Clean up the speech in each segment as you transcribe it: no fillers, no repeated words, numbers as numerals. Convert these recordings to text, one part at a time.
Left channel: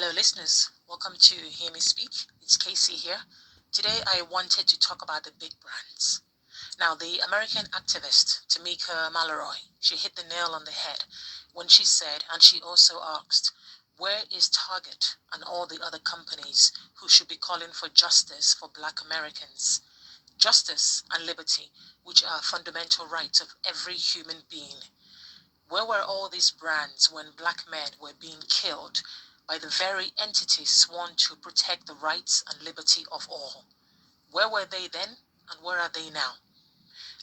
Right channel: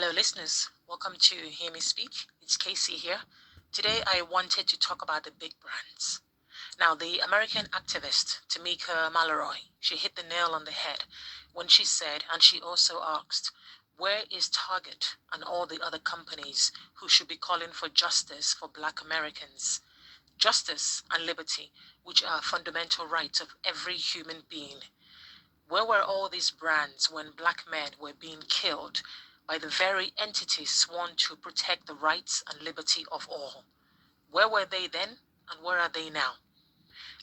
Hello, listeners. Welcome to Hear Me Speak. It's Casey here. Today, I wanted to talk about the big brands. Now, the American activist Tamika Mallory, she hit the nail on the head when she said, and she also asked, where is Target and all the other companies who should be calling for justice for Black Americans? Justice and liberty, which are fundamental rights of every human being. Where were all these brands when black men were being killed by the very entities sworn to protect the rights and liberty of all? Where were they then, and where are they now?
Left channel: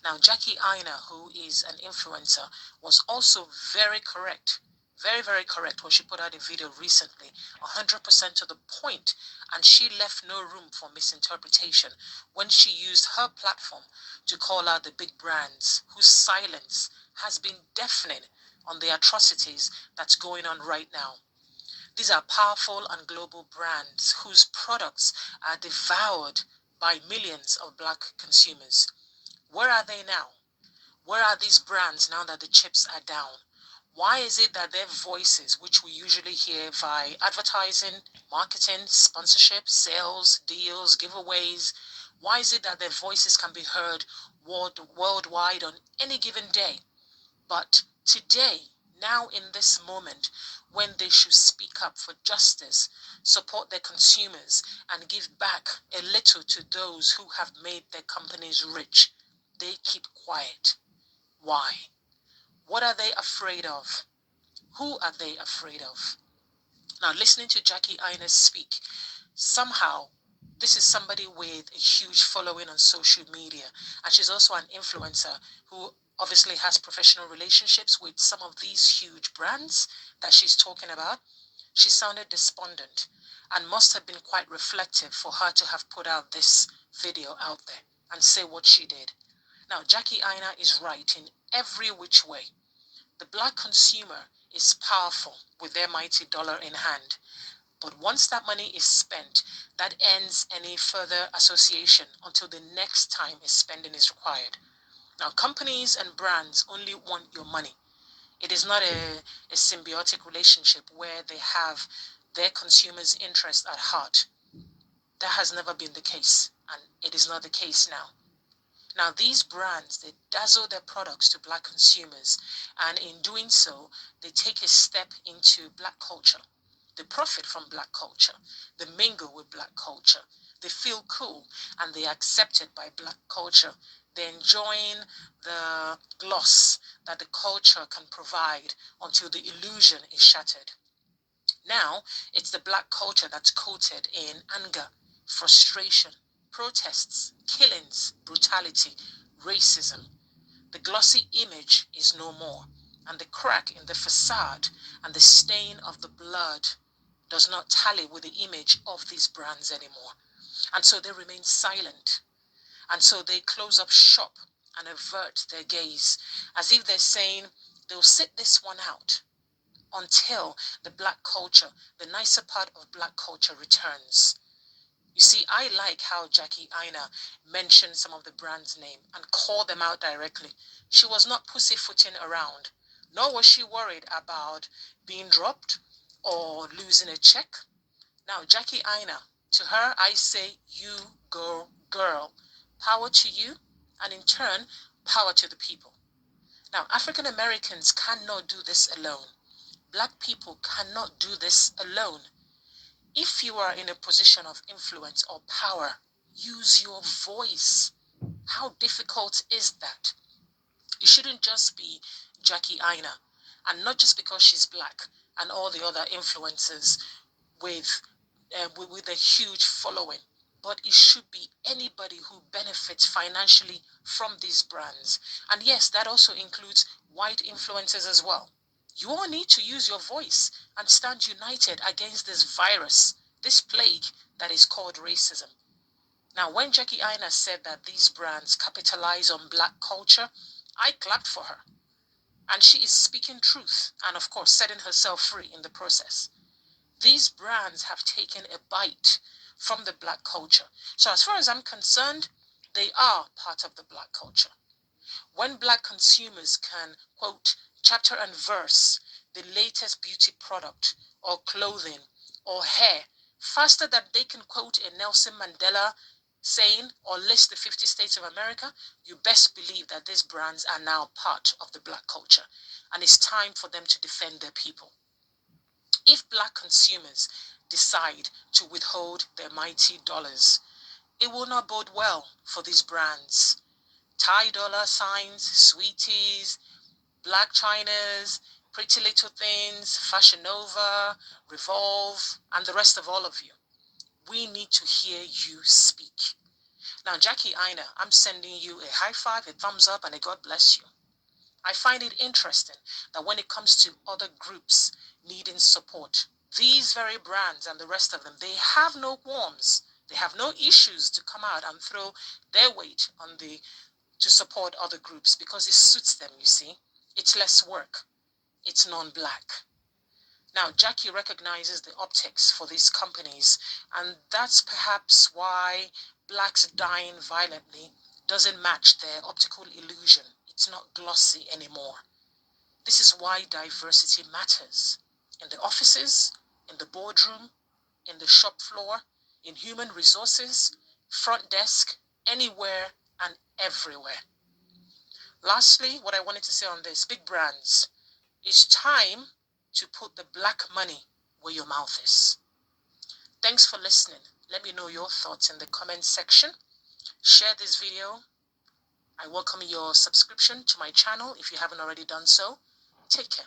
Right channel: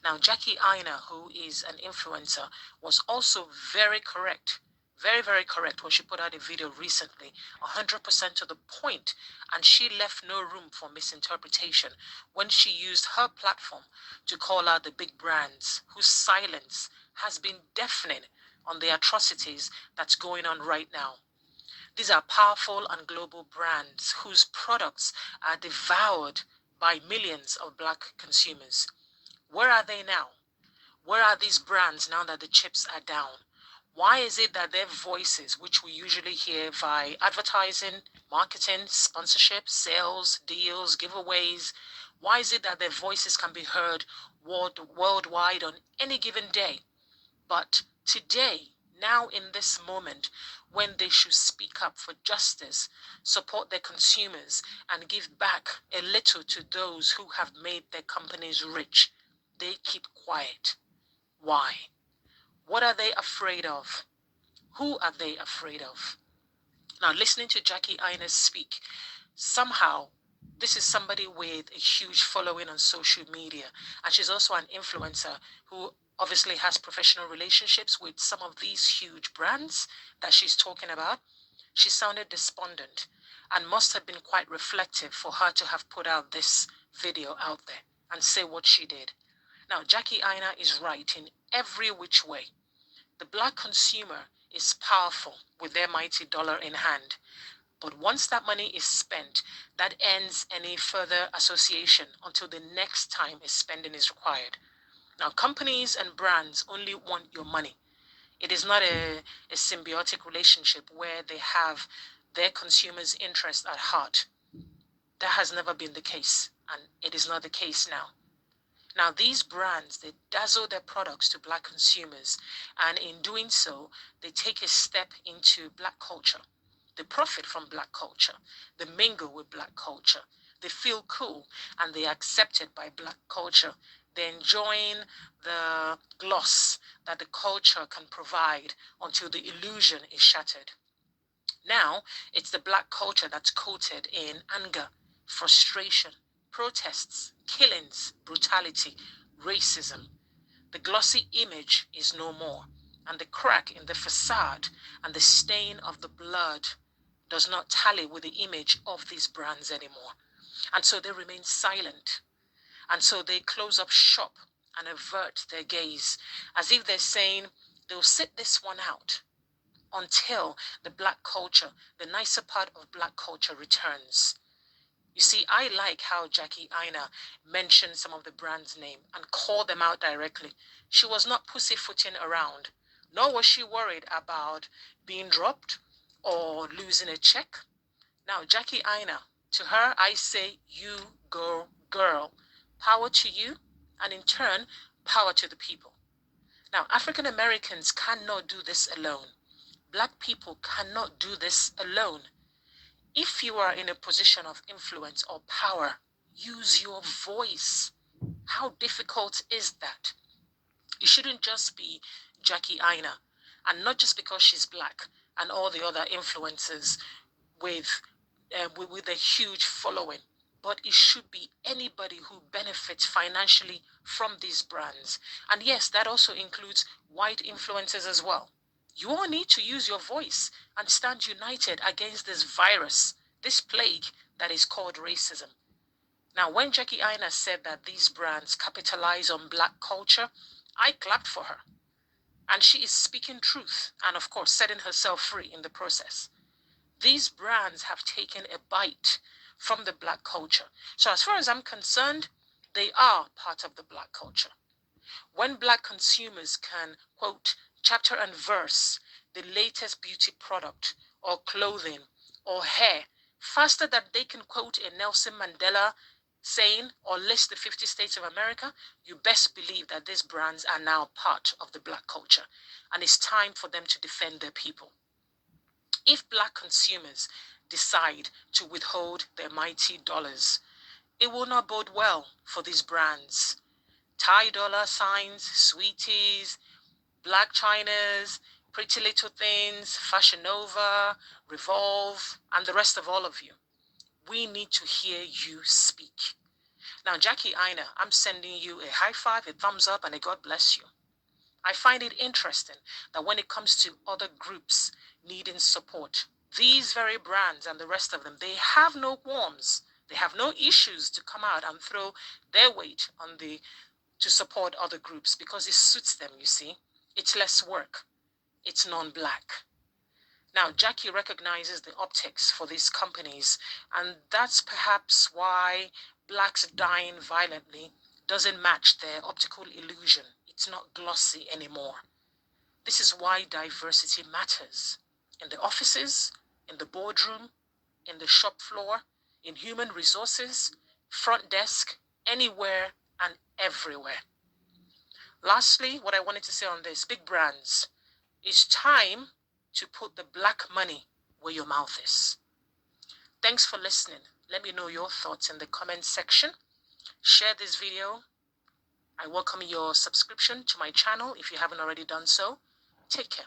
Now, Jackie Aina, who is an influencer, was also very correct, very, very correct when she put out a video recently, 100% to the point, and she left no room for misinterpretation when she used her platform to call out the big brands whose silence has been deafening on the atrocities that's going on right now. These are powerful and global brands whose products are devoured by millions of black consumers. Where are they now? Where are these brands now that the chips are down? Why is it that their voices, which we usually hear via advertising, marketing, sponsorship, sales, deals, giveaways, why is it that their voices can be heard worldwide on any given day? But today, now in this moment, when they should speak up for justice, support their consumers, and give back a little to those who have made their companies rich, they keep quiet. Why? What are they afraid of? Who are they afraid of? Now, listening to Jackie Ines speak, somehow this is somebody with a huge following on social media, and she's also an influencer who obviously has professional relationships with some of these huge brands that she's talking about. She sounded despondent and must have been quite reflective for her to have put out this video out there and say what she did. Now, Jackie Aina is right in every which way. The black consumer is powerful with their mighty dollar in hand. But once that money is spent, that ends any further association until the next time a spending is required. Now, companies and brands only want your money. It is not a symbiotic relationship where they have their consumers' interest at heart. That has never been the case, and it is not the case now. Now, these brands, they dazzle their products to black consumers, and in doing so, they take a step into black culture. They profit from black culture. They mingle with black culture. They feel cool, and they are accepted by black culture. They're enjoying the gloss that the culture can provide until the illusion is shattered. Now, it's the black culture that's coated in anger, frustration, protests, killings, brutality, racism. The glossy image is no more, and the crack in the facade and the stain of the blood does not tally with the image of these brands anymore. And so they remain silent. And so they close up shop and avert their gaze, as if they're saying they'll sit this one out until the black culture, the nicer part of black culture returns. You see, I like how Jackie Aina mentioned some of the brands' name and called them out directly. She was not pussyfooting around, nor was she worried about being dropped or losing a check. Now, Jackie Aina, to her, I say, you go, girl. Power to you, and in turn, power to the people. Now, African Americans cannot do this alone. Black people cannot do this alone. If you are in a position of influence or power, use your voice. How difficult is that? It shouldn't just be Jackie Aina, and not just because she's black, and all the other influencers with, with a huge following, but it should be anybody who benefits financially from these brands. And yes, that also includes white influencers as well. You all need to use your voice and stand united against this virus, this plague that is called racism. Now, when Jackie Aina said that these brands capitalize on black culture, I clapped for her. And she is speaking truth and, of course, setting herself free in the process. These brands have taken a bite from the black culture. So as far as I'm concerned, they are part of the black culture. When black consumers can, quote, chapter and verse the latest beauty product or clothing or hair faster than they can quote a Nelson Mandela saying or list the 50 states of America, you best believe that these brands are now part of the black culture, and it's time for them to defend their people. If black consumers decide to withhold their mighty dollars, it will not bode well for these brands. Thai dollar signs, sweeties, Black Chinas, Pretty Little Things, Fashion Nova, Revolve, and the rest of all of you. We need to hear you speak. Now, Jackie Aina, I'm sending you a high five, a thumbs up, and a God bless you. I find it interesting that when it comes to other groups needing support, these very brands and the rest of them, they have no qualms. They have no issues to come out and throw their weight on to support other groups because it suits them, you see. It's less work. It's non-black. Now, Jackie recognizes the optics for these companies, and that's perhaps why blacks dying violently doesn't match their optical illusion. It's not glossy anymore. This is why diversity matters. In the offices, in the boardroom, in the shop floor, in human resources, front desk, anywhere and everywhere. Lastly, what I wanted to say on this, big brands, it's time to put the black money where your mouth is. Thanks for listening. Let me know your thoughts in the comment section. Share this video. I welcome your subscription to my channel if you haven't already done so. Take care.